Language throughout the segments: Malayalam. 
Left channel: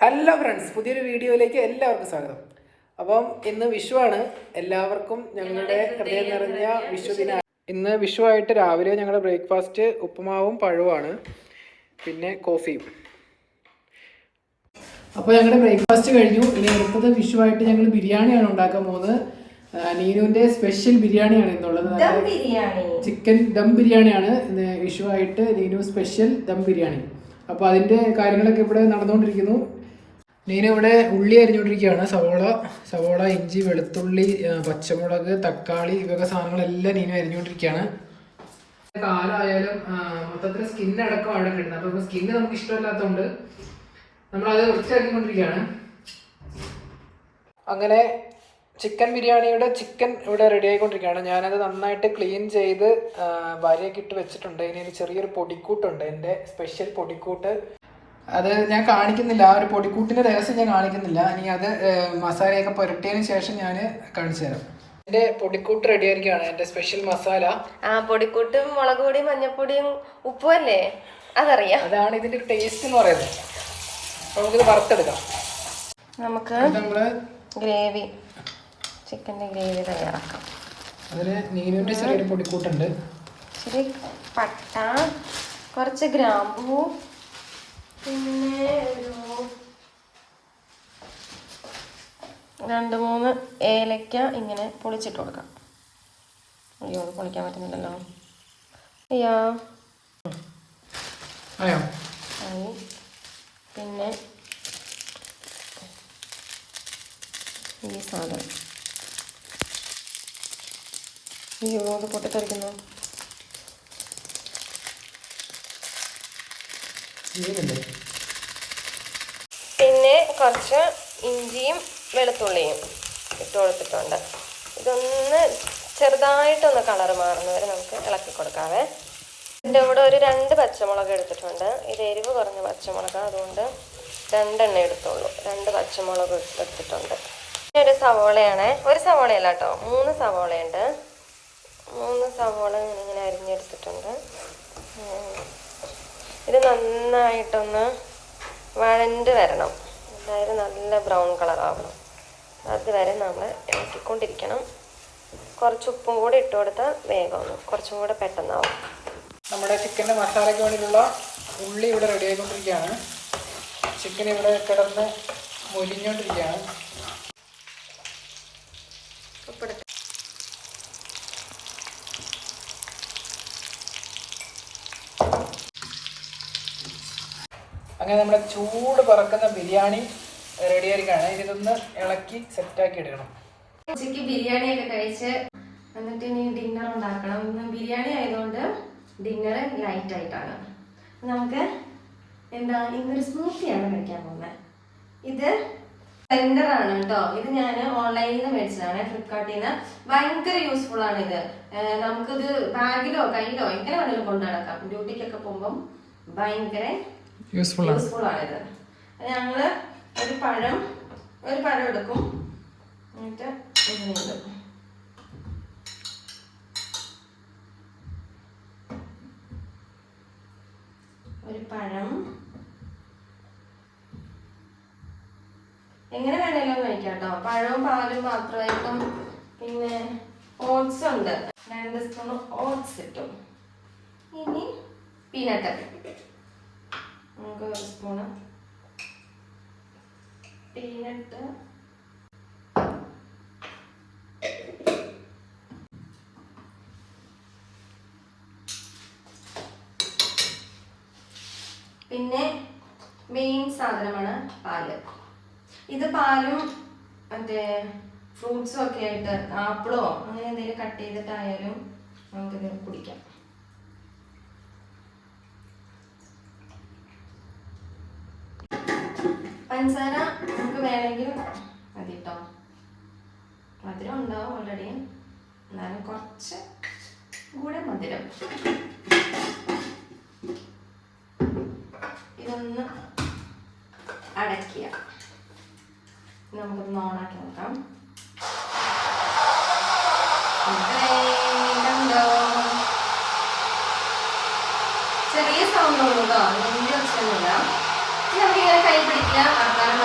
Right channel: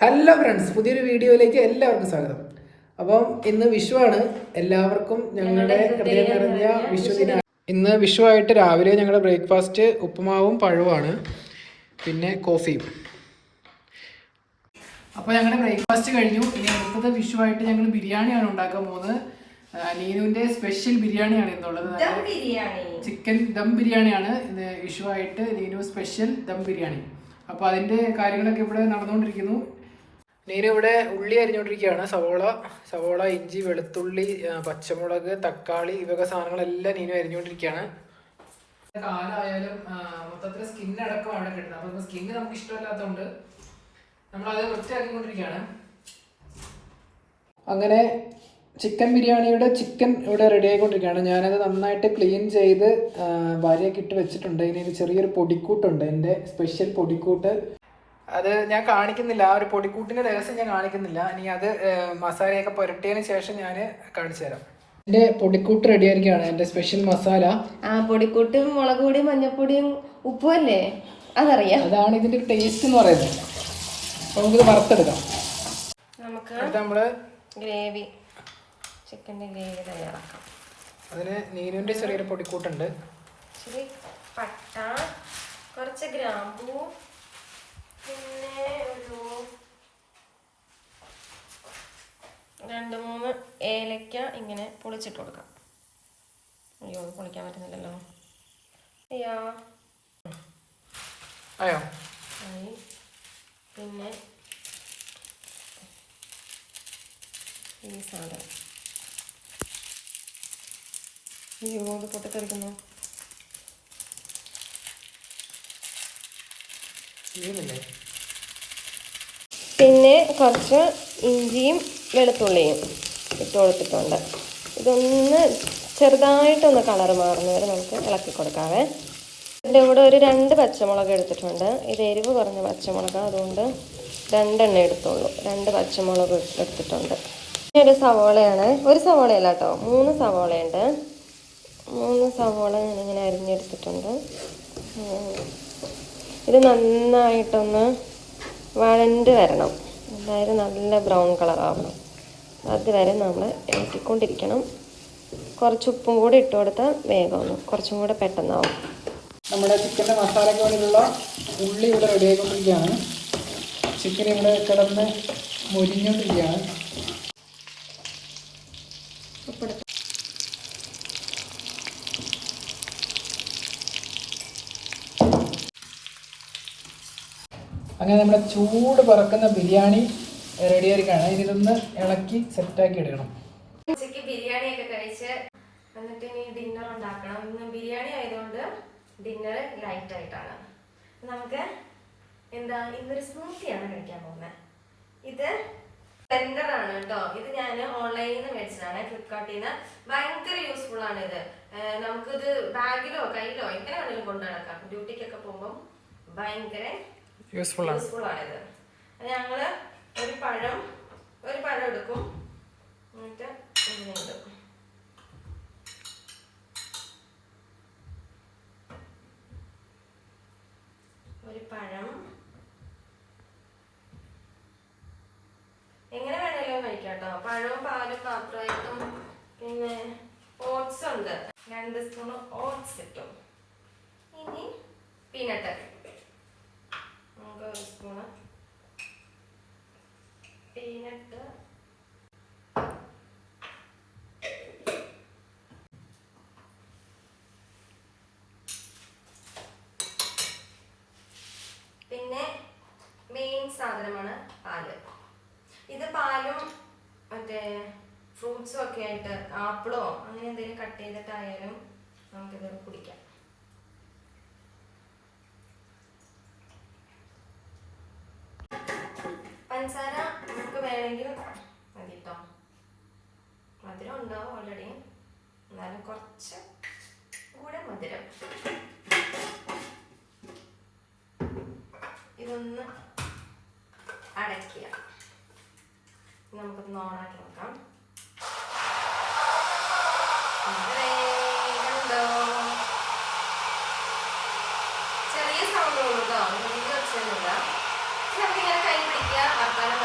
ഹലോ ഫ്രണ്ട്സ്, പുതിയൊരു വീഡിയോയിലേക്ക് എല്ലാവർക്കും സ്വാഗതം. അപ്പം ഇന്ന് വിഷുവാണ്. എല്ലാവർക്കും ഞങ്ങളുടെ ഹൃദയം നിറഞ്ഞ വിഷുദിന. ഇന്ന് വിഷുവായിട്ട് രാവിലെ ഞങ്ങളുടെ ബ്രേക്ക്ഫാസ്റ്റ് ഉപ്പുമാവും പഴവുമാണ്, പിന്നെ കോഫിയും. അപ്പോൾ ഞങ്ങളുടെ ബ്രേക്ക്ഫാസ്റ്റ് കഴിഞ്ഞു. ഇനി അടുത്തത് വിഷുവായിട്ട് ഞങ്ങൾ ബിരിയാണിയാണ് ഉണ്ടാക്കാൻ പോകുന്നത്. നീനുവിൻ്റെ സ്പെഷ്യൽ ബിരിയാണിയാണ് ഇന്നുള്ളത്. ചിക്കൻ ദം ബിരിയാണിയാണ് ഇന്ന് വിഷുവായിട്ട്. നീനു സ്പെഷ്യൽ ദം ബിരിയാണി. അപ്പോൾ അതിൻ്റെ കാര്യങ്ങളൊക്കെ ഇവിടെ നടന്നുകൊണ്ടിരിക്കുന്നു. നീന ഇവിടെ ഉള്ളി അരിഞ്ഞുകൊണ്ടിരിക്കുകയാണ്. സവോള, ഇഞ്ചി, വെളുത്തുള്ളി, പച്ചമുളക്, തക്കാളി ഇവയൊക്കെ സാധനങ്ങളെല്ലാം നീന അരിഞ്ഞുകൊണ്ടിരിക്കുകയാണ്. കാലായാലും മൊത്തത്തിൽ സ്കിന്നടക്കം അവിടെ കിട്ടുന്നത്. അപ്പോൾ സ്കിന്ന് നമുക്ക് ഇഷ്ടമല്ലാത്തതുകൊണ്ട് നമ്മളത് വൃത്തിയാക്കിക്കൊണ്ടിരിക്കുകയാണ്. അങ്ങനെ ചിക്കൻ ബിരിയാണിയുടെ ചിക്കൻ ഇവിടെ റെഡി ആയിക്കൊണ്ടിരിക്കുകയാണ്. ഞാനത് നന്നായിട്ട് ക്ലീൻ ചെയ്ത് ഭാര്യയൊക്കെ ഇട്ട് വെച്ചിട്ടുണ്ട്. ഇനി ചെറിയൊരു പൊടിക്കൂട്ടുണ്ട്, എൻ്റെ സ്പെഷ്യൽ പൊടിക്കൂട്ട്. അത് ഞാൻ കാണിക്കുന്നില്ല, ആ ഒരു പൊടിക്കൂട്ടിൻ്റെ രഹസ്യം ഞാൻ കാണിക്കുന്നില്ല. ഇനി അത് മസാലയൊക്കെ പുരട്ടിയതിന് ശേഷം ഞാൻ കാണിച്ചു തരാം. എൻ്റെ പൊടിക്കൂട്ട് റെഡി ആയിരിക്കുകയാണ്, എൻ്റെ സ്പെഷ്യൽ മസാല. പൊടിക്കൂട്ടും മുളക് പൊടിയും മഞ്ഞപ്പൊടിയും ഉപ്പും അല്ലേ, അതറിയാം. അതാണ് ഇതിൻ്റെ ഒരു ടേസ്റ്റ് എന്ന് പറയുന്നത്. നമുക്ക് ഗ്രേവി, ചിക്കൻ്റെ ഗ്രേവി തയ്യാറാക്കാം. അതിന് നീനുവിൻ്റെ ചെറിയൊരു പൊടിക്കൂട്ടുണ്ട്. ഇച്ചിരി പട്ട, കുറച്ച് ഗ്രാമ്പൂ, പിന്നെ ഒരു 2-3 ഏലക്ക ഇങ്ങനെ പൊളിച്ചിട്ട് കൊടുക്കാം. അയ്യോ, അത് പൊളിക്കാൻ പറ്റുന്നില്ലല്ലോ. അയ്യോ ആയി. പിന്നെ ഈ സാധനം, അയ്യോ അത് പൊട്ടിത്തെറിക്കുന്നു. പിന്നെ കുറച്ച് ഇഞ്ചിയും വെളുത്തുള്ളിയും ഇട്ട് കൊടുത്തിട്ടുണ്ട്. ഇതൊന്ന് ചെറുതായിട്ടൊന്ന് കളർ മാറുന്നവരെ നമുക്ക് ഇളക്കി കൊടുക്കാവേ. ഇതിൻ്റെ കൂടെ ഒരു 2 പച്ചമുളക് എടുത്തിട്ടുണ്ട്. ഇത് എരിവ് കുറഞ്ഞ പച്ചമുളക്, അതുകൊണ്ട് 2 എണ്ണം എടുത്തോളൂ. 2 പച്ചമുളക് എടുത്തിട്ടുണ്ട്. ഒരു സവോളയാണ്, ഒരു സവോളയല്ല കേട്ടോ, 3 സവോളയുണ്ട്. 3 സവോള ഞാനിങ്ങനെ അരിഞ്ഞെടുത്തിട്ടുണ്ട്. ഇത് നന്നായിട്ടൊന്ന് വഴണ്ട് വരണം, അതായത് നല്ല ബ്രൗൺ കളറാവും. അതുവരെ നമ്മൾ ഇളക്കിക്കൊണ്ടിരിക്കണം. കുറച്ച് ഉപ്പും കൂടി ഇട്ട് കൊടുത്താൽ വേഗം കുറച്ചും കൂടെ പെട്ടെന്നാവും. നമ്മുടെ ചിക്കൻ്റെ മസാലയ്ക്ക് വേണ്ടിയിട്ടുള്ള ഉള്ളി ഇവിടെ റെഡി ആയിക്കൊണ്ടിരിക്കുകയാണ്. ചിക്കൻ ഇവിടെ കിടന്ന് മുരിഞ്ഞുകൊണ്ടിരിക്കുകയാണ്. അങ്ങനെ നമ്മുടെ ചൂട് പറക്കുന്ന ബിരിയാണി റെഡി ആയിരിക്കുകയാണ്. ഇതൊന്ന് ഇളക്കി സെറ്റാക്കി എടുക്കണം. ഉച്ചയ്ക്ക് ബിരിയാണിയൊക്കെ കഴിച്ച് എന്നിട്ട് ഇനി ഡിന്നർ ഉണ്ടാക്കണം. ഇന്ന് ബിരിയാണി ആയതുകൊണ്ട് ഡിന്നർ ലൈറ്റ് ആയിട്ടാണ്. നമുക്ക് ഇന്നൊരു സ്മൂത്തിയാണ് കഴിക്കാൻ പോകുന്നത്. ഇത് ബ്ലെൻഡറാണ് കേട്ടോ. ഇത് ഞാൻ ഓൺലൈനിൽ നിന്ന് മേടിച്ചതാണ്, ഫ്ലിപ്കാർട്ടിൽ നിന്ന്. ഭയങ്കര യൂസ്ഫുൾ ആണ് ഇത്. നമുക്കിത് ബാഗിലോ കയ്യിലോ എങ്ങനെ വേണമെങ്കിലും കൊണ്ടു നടക്കാം. ഡ്യൂട്ടിക്കൊക്കെ പോകുമ്പം ഭയങ്കര യൂസ്ഫുൾ ആണിത്. ഞങ്ങള് ഒരു പഴം എടുക്കും, എന്നിട്ട് ഇങ്ങനെ ഇടും. ഒരു പഴം എങ്ങനെ വേണേലും കഴിക്കാം കേട്ടോ. പഴവും പാലും മാത്രമായിട്ടും. പിന്നെ ഓട്സ് ഉണ്ട്, 2 സ്പൂൺ ഓട്സ് ഇട്ടു. ഇനി പീനട്ട് നമുക്ക് 1 സ്പൂണ് പീനട്ട്, പിന്നെ മെയിൻ സാധനമാണ് പാല്. ഇത് പാലും മറ്റേ ഫ്രൂട്ട്സും ഒക്കെ ആയിട്ട്, ആപ്പിളോ അങ്ങനെ എന്തെങ്കിലും കട്ട് ചെയ്തിട്ടായാലും നമുക്കിത് കുടിക്കാം. പഞ്ചസാര നമുക്ക് വേണമെങ്കിൽ മതി കേട്ടോ. മധുരം ഉണ്ടാവും ഓൾറെഡി, എന്നാലും കുറച്ച് കൂടെ മധുരം. ഇതൊന്ന് അടയ്ക്കുക. നമുക്കൊന്ന് ഓണാക്കി നോക്കാം. ചെറിയ സൗണ്ട് ഉള്ളൂ കേട്ടോ, വലിയ ഒച്ചയൊന്നുമില്ല. നമുക്കിങ്ങനെ കൈ പിടിക്കുക, വർത്താനം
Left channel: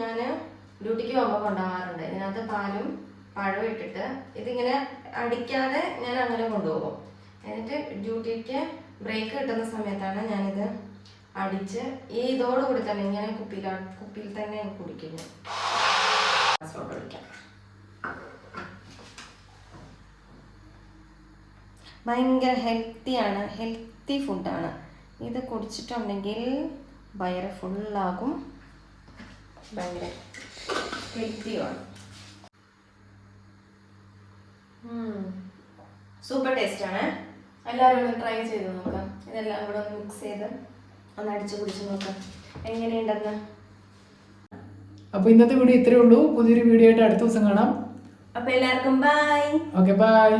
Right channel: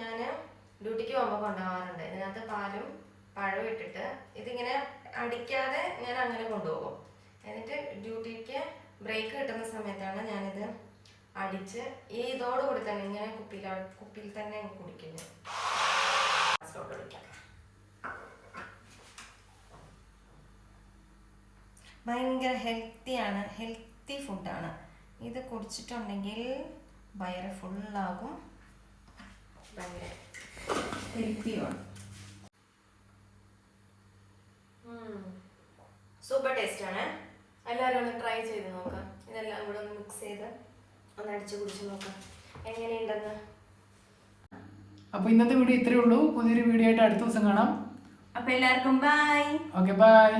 ഞാൻ ഡ്യൂട്ടിക്ക് പോകുമ്പോൾ കൊണ്ടുപോകാറുണ്ട്. ഇതിനകത്ത് പാലും പഴവും ഇട്ടിട്ട് ഇതിങ്ങനെ അടിക്കാതെ ഞാൻ അങ്ങനെ കൊണ്ടുപോകും. എന്നിട്ട് ഡ്യൂട്ടിക്ക് ബ്രേക്ക് കിട്ടുന്ന സമയത്താണ് ഞാനിത് അടിച്ച് ഇതോടുകൂടി തന്നെ ഇങ്ങനെ കുപ്പിയിൽ തന്നെ കുടിക്കും ഞാൻ. ഭയങ്കര ഹെൽത്തി ഫുഡാണ്. ഇത് കുടിച്ചിട്ടുണ്ടെങ്കിൽ വയറ് ഫുള്ളാകും, ഭയങ്കര ഹെൽത്തിയാണ്. സൂപ്പർ ടേസ്റ്റാണ്. എല്ലാവരും ഒന്ന് ട്രൈ ചെയ്ത് നോക്കാം. ഇതെല്ലാം കൂടെ ഒന്ന് മിക്സ് ചെയ്ത് ഒന്ന് അടിച്ച് കുടിച്ച് നോക്കാം എങ്ങനെയുണ്ടെന്ന്. അപ്പോൾ ഇന്നത്തെ വീഡിയോ ഇത്രയേ ഉള്ളൂ. പുതിയൊരു വീഡിയോ ആയിട്ട് അടുത്ത ദിവസം കാണാം. അപ്പോൾ എല്ലാവർക്കും ബൈ. Okay, by.